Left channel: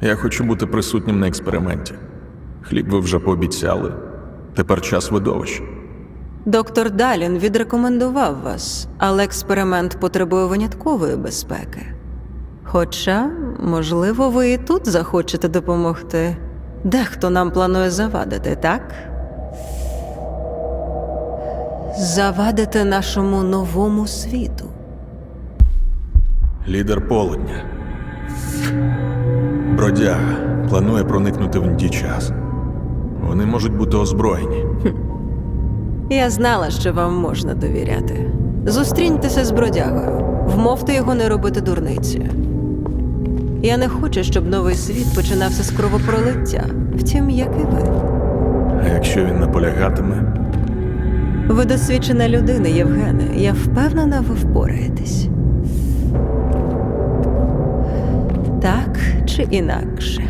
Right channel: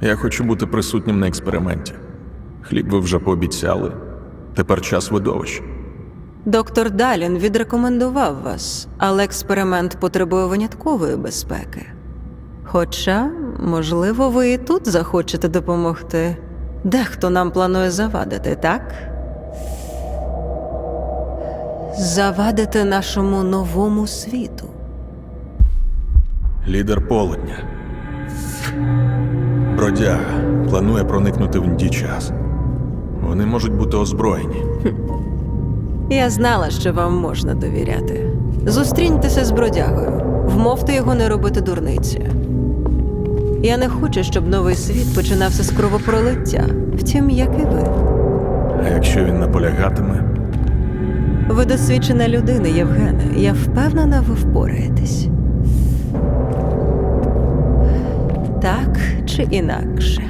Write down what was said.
Я хочу бути присутнім на експерименті. Хліб ви вже пообіцяли. Тепер час видовищ. Доктор Далін відрекомендував вас, але експеримент потребує виняткової безпеки. Хоча, можливо, ви і тут захочете допомогти. Дехто нам планує завадити, так? Завадити нашому новому світу. Лідер полудня. Бродяга планує проникнути в час. Вони можуть бути озброєні. Я знала, що вам можна довіряти. Зустріньтеся з бродягою, вмовте його не робити дурниці. Я не хочу, щоб новий світ починався з кровопролиття, втім, як і ви. А якщо він наполягатиме, Ви досвідчена людина, Євгене. Я впевнена, ви впораєтесь. tak czy inaczej.